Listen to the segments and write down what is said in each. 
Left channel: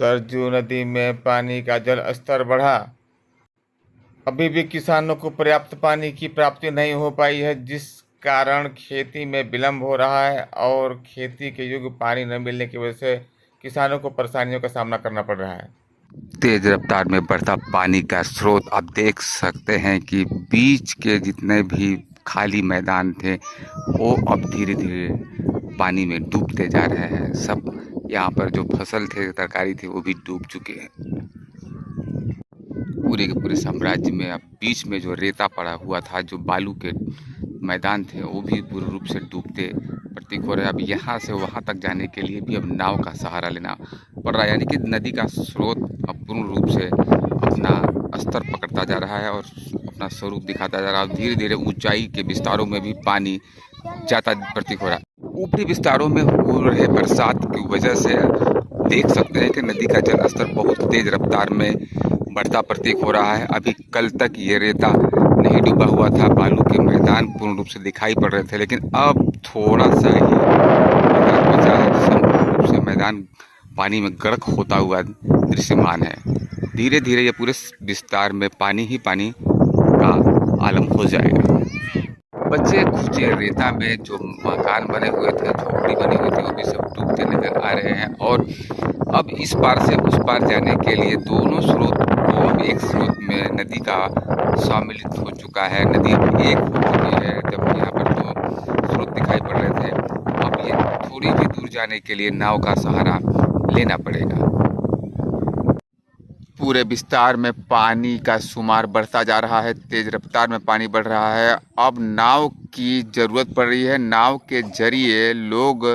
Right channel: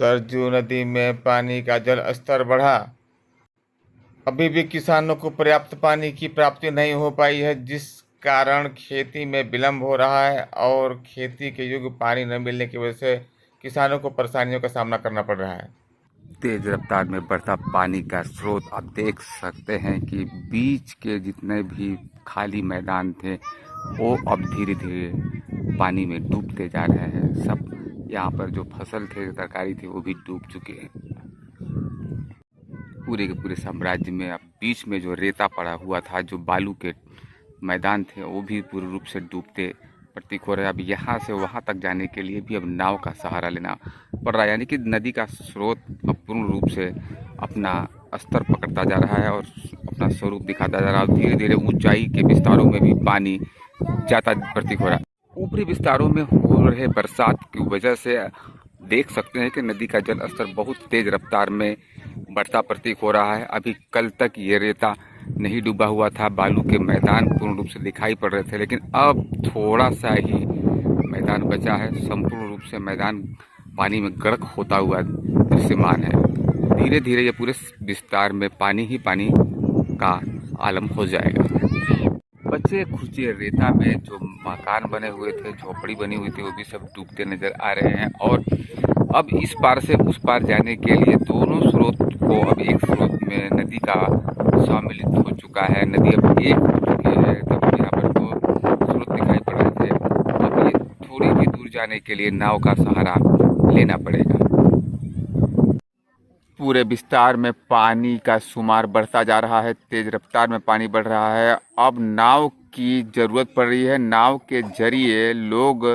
सरजू नदी में पानी का जल स्तर बढ़ा। अभी भी किसानों को पर्याप्त पानी की प्राप्ति नहीं हो पाई है, जिस कारण खेती में विलंब हो रहा है और खेती के योग्य पानी न मिलने की वजह से किसानों को परेशानियों का सामना करना पड़ रहा है। तेज रफ्तार में बढ़ता पानी का स्रोत आप देख सकते हैं कि बीच के जितने भी खाली मैदान थे वो अब धीरे धीरे पानी में डूबते जा रहे हैं। सब यहाँ पर जो फसल थे, तरकारी थी, वो भी डूब चुके हैं। पूरे के पूरे साम्राज्य में अब बीच में जो रेता पड़ा हुआ था, जो बालू के मैदान थे, वो भी पूर्ण रूप से डूबते प्रतीक हो रहे हैं। अब यहाँ से वहाँ तक जाने के लिए भी अब नाव का सहारा लेना पड़ रहा है, यानी कि नदी का स्रोत अब पूर्ण रूप से अपना स्तर पकड़ता जा रहा है और अपना स्वरूप दिखाता जा रहा है। धीरे धीरे ऊंचाई के विस्तारों में भी पानी जाता प्रतीक हो रहा है। ऊपरी विस्तारों में हो रहे बरसात की वजह से देख सकते हैं कि नदी का जल स्तर बहुत तेज रफ्तार में बढ़ता प्रतीक हो रहा है। अभी कल तक ये रेता नहीं डूबा हुआ था, बालू के मैदान पूर्ण रूप से दिखाई पड़ रहे थे, लेकिन अब थोड़ा सा ही मैदान बचा है। संपूर्ण रूप से मैदान पानी में गर्क होता हुआ दृश्यमान है। धीरे धीरे ये पूरे विस्तार में पानी ही पानी का आलम हो जाएगा। बच्चे कुछ रेता में जो मकान बने हुए थे, झोपड़ी बनी हुई थी, वो भी सब डूबते नजर आ रहे हैं। और अब इस पार से उस पार जाने के लिए दोनों स्रोत को अब एक स्रोत में नदी का सम्मिलित हो चुका है। नदी अब एक हो चुकी है। जब यहाँ पर दो स्रोत दिखाई पड़ रहे थे, अब ये थोड़ी भी दूर जाने के लिए नाव का सहारा लेना पड़ेगा। पूरे विस्तार में पानी का शुमार बढ़ता जा रहा है, तेज रफ्तार में पानी बढ़ रहा है। अब नाव की ज़रूरत पड़ रही है। नाव के जरिए लोग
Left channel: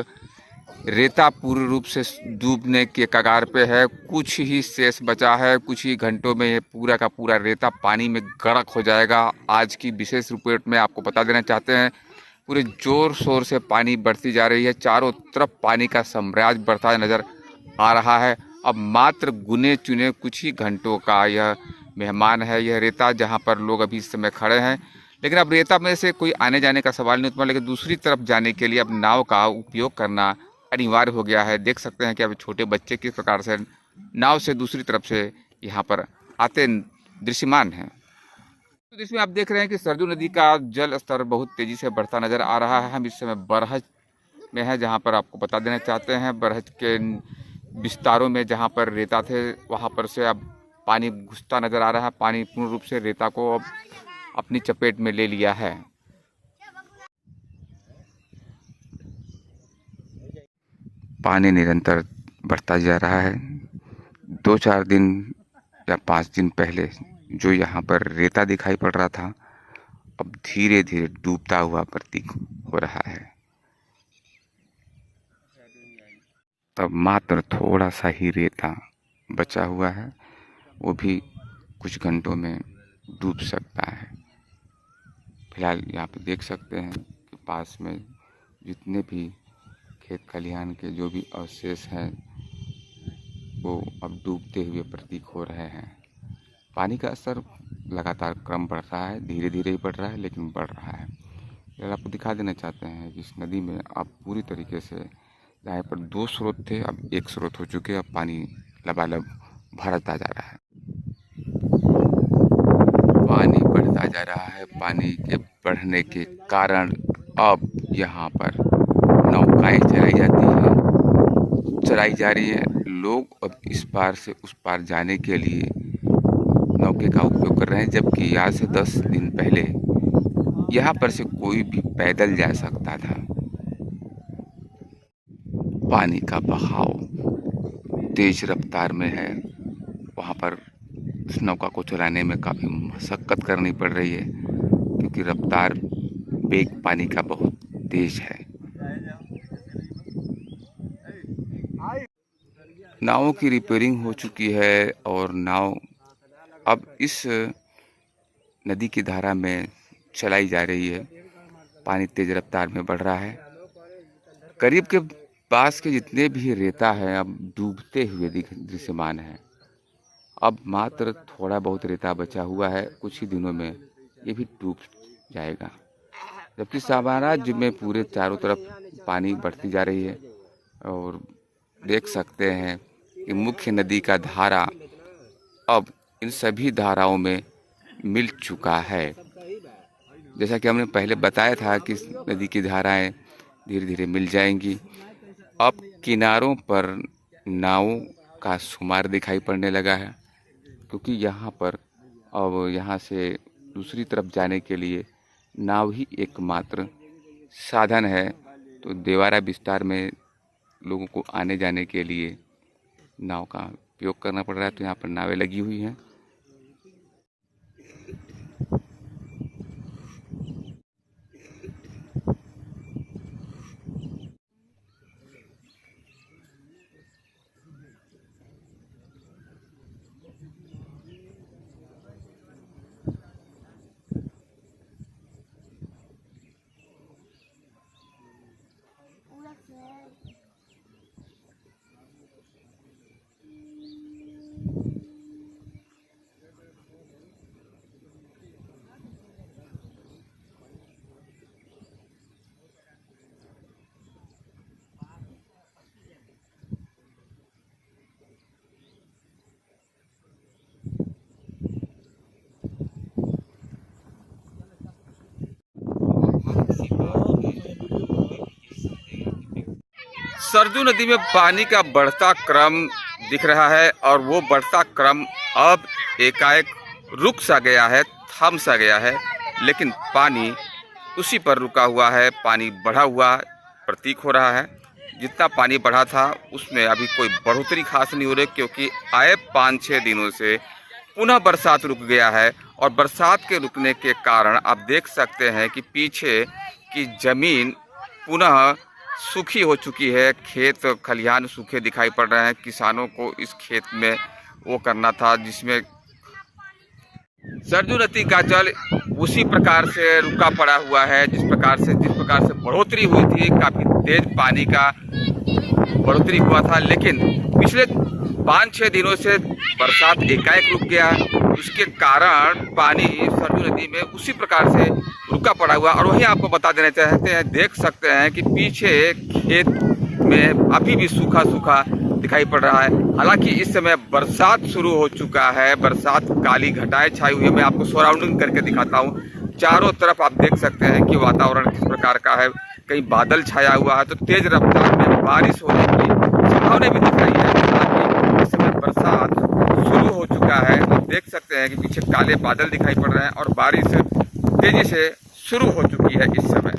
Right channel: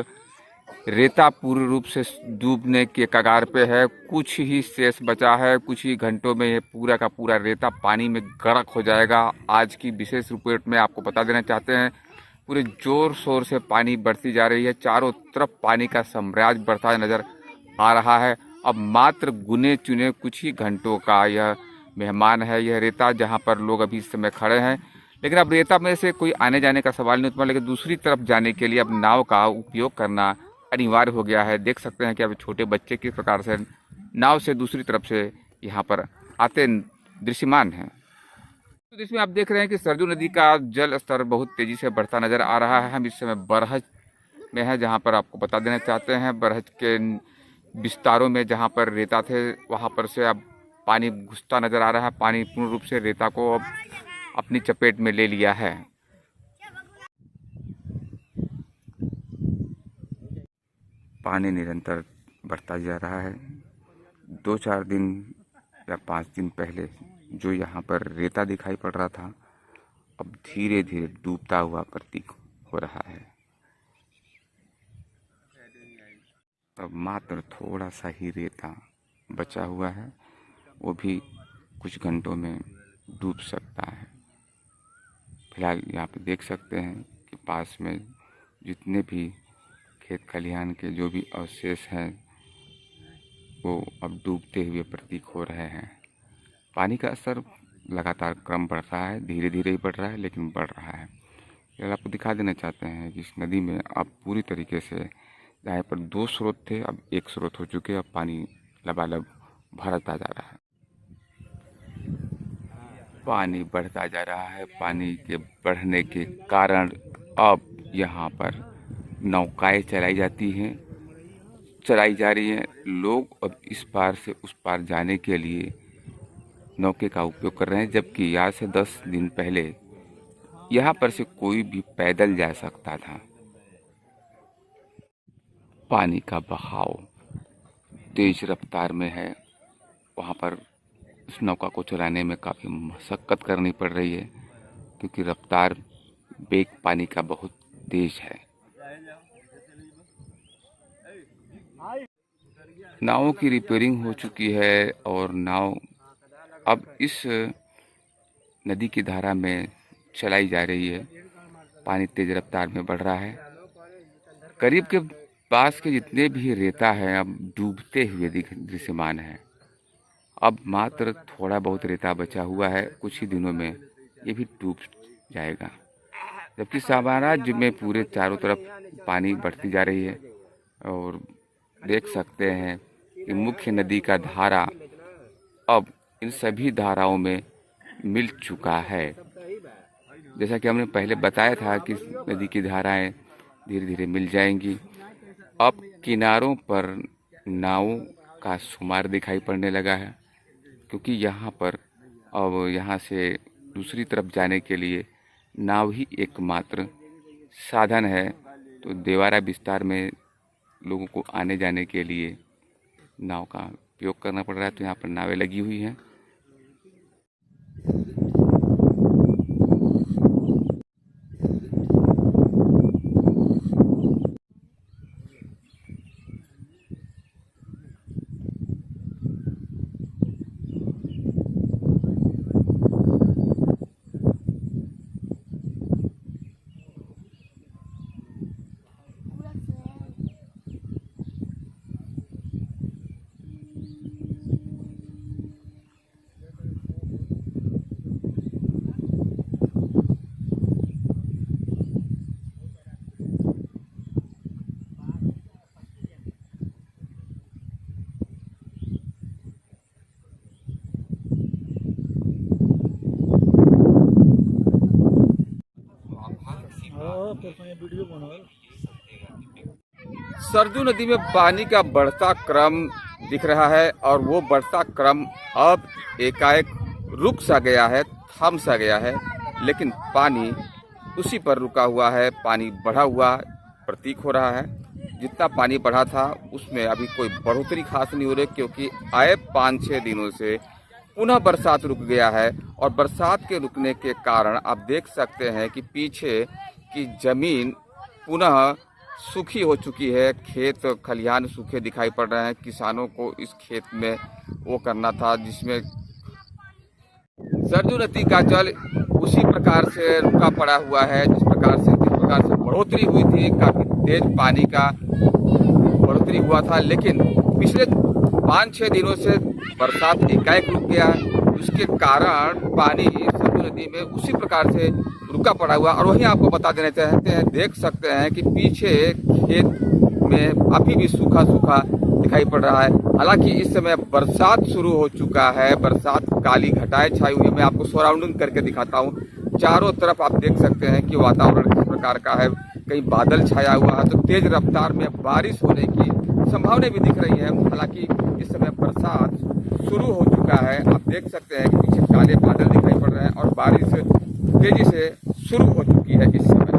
रेता पूर्ण रूप से डूबने के कगार पे है। कुछ ही शेष बचा है, कुछ ही घंटों में ये पूरा का पूरा रेता पानी में गर्क हो जाएगा। आज की विशेष रिपोर्ट में आपको बता देना चाहते हैं, पूरे जोर शोर से पानी बढ़ती जा रही है। चारों तरफ पानी का साम्राज्य बढ़ता नजर आ रहा है। अब मात्र गुने चुने कुछ ही घंटों का यह मेहमान है, यह रेता, जहां पर लोग अभी इस समय खड़े हैं। लेकिन अब रेता में से कोई आने जाने का सवाल नहीं उत्पन्न, लेकिन दूसरी तरफ जाने के लिए अब नाव का उपयोग करना अनिवार्य हो गया है। देख सकते हैं कि अभी छोटे बच्चे किस प्रकार से नाव से दूसरी तरफ से यहाँ पर आते दृश्यमान हैं। तो इसमें आप देख रहे हैं कि सरजू नदी का जल स्तर बहुत तेजी से बढ़ता नजर आ रहा है। हम इस समय बरहज में है, जहाँ पर आपको बता देना चाहते हैं, बरहज के विस्तारों में जहाँ पर रेता थे, वहाँ पर से अब पानी घुसता नजर आ रहा है। पानी पूर्ण रूप से रेता को अब अपनी चपेट में ले लिया है। पानी निरंतर बढ़ता जा रहा है। 2-4 दिन या 5 दिन पहले जो यहाँ पर रेता दिखाई पड़ रहा था, अब धीरे धीरे डूबता हुआ प्रतीक हो रहा है। तब मात्र थोड़ा सा ही रेता बचा हुआ है, वो भी कुछ घंटों में डूब सकता है। फिलहाल यहाँ पे देख सकते हैं कि पास में जितने भी खेत खलिहान के जो भी अवशेष हैं, वो अब डूबते हुए प्रतीक हो रहे हैं। पानी का स्तर लगातार क्रम बढ़ रहा है, धीरे धीरे ही बढ़ रहा है, लेकिन बढ़ रहा है। यह आपको दिखा देना चाहते हैं कि इस नदी में अब पूरी तरीके से जहाँ पर 2 स्रोत थे, अब 1 स्रोत हो चुके हैं। अब पानी लबालब भरता जा रहा है, पानी बढ़ता जा रहा है। पानी के बढ़ने के कारण अब यहाँ पर नौकाएं चलाई जाती हैं, चलाई जा रही हैं। लोग अब इस पार से उस पार जाने के लिए नौके का उपयोग कर रहे हैं, जबकि आज से 10 दिन पहले यहाँ पर से कोई भी पैदल जा सकता था। पानी का बहाव तेज रफ्तार में है, वहाँ पर इस नौका को चलाने में काफ़ी मशक्क़त करनी पड़ रही है, क्योंकि रफ्तार वेग पानी का बहुत तेज है। नावों की रिपेयरिंग हो चुकी है और नाव अब इस नदी की धारा में चलाई जा रही है। पानी तेज रफ्तार में बढ़ रहा है। करीब के पास के जितने भी रेता है अब डूबते हुए दृश्यमान है। अब मात्र थोड़ा बहुत रेता बचा हुआ है, कुछ ही दिनों में ये भी डूब जाएगा। जबकि साम्राज्य में पूरे चारों तरफ पानी बढ़ती जा रही है और देख सकते हैं कि मुख्य नदी का धारा अब इन सभी धाराओं में मिल चुका है। जैसा कि हमने पहले बताया था कि इस नदी की धाराएं धीरे धीरे मिल जाएंगी। अब किनारों पर नावों का शुमार दिखाई पड़ने लगा है, क्योंकि यहाँ पर अब यहाँ से दूसरी तरफ जाने के लिए नाव ही एकमात्र साधन है। तो देवारा विस्तार में लोगों को आने जाने के लिए नाव का उपयोग करना पड़ रहा है। तो यहाँ पर नावें लगी हुई हैं। सरजू नदी में पानी का बढ़ता क्रम दिख रहा है और वो बढ़ता क्रम अब एकाएक रुक सा गया है, थम सा गया है, लेकिन पानी उसी पर रुका हुआ है। पानी बढ़ा हुआ प्रतीक हो रहा है। जितना पानी बढ़ा था उसमें अभी कोई बढ़ोतरी खास नहीं हो रही, क्योंकि आए 5-6 दिनों से पुनः बरसात रुक गया है। और बरसात के रुकने के कारण आप देख सकते हैं कि पीछे की ज़मीन पुनः सूखी हो चुकी है। खेत खलिहान सूखे दिखाई पड़ रहे हैं। किसानों को इस खेत में वो करना था जिसमें सरजू नदी का जल उसी प्रकार से रुका पड़ा हुआ है जिस प्रकार से बढ़ोतरी हुई थी। काफ़ी तेज पानी का बढ़ोतरी हुआ था, लेकिन पिछले 5-6 दिनों से बरसात एकाएक रुक गया। उसके कारण पानी सरजू नदी में उसी प्रकार से रुका पड़ा हुआ। और वहीं आपको बता देना चाहते हैं, देख सकते हैं कि पीछे खेत में अभी भी सूखा सूखा दिखाई पड़ रहा है। हालांकि इस समय बरसात शुरू हो चुका है। बरसात काली घटाएं छाई हुई है। मैं आपको सराउंडिंग करके दिखाता हूँ। चारों तरफ आप देख सकते हैं कि वातावरण किस प्रकार का है। कहीं बादल छाया हुआ है तो तेज रफ्तार में बारिश होने की संभावना भी दिख रही है। हालांकि इस समय बरसात शुरू हो चुका है। आप देख सकते हैं कि पीछे काले बादल दिखाई पड़ रहे हैं और बारिश तेजी से शुरू हो चुकी है इस समय।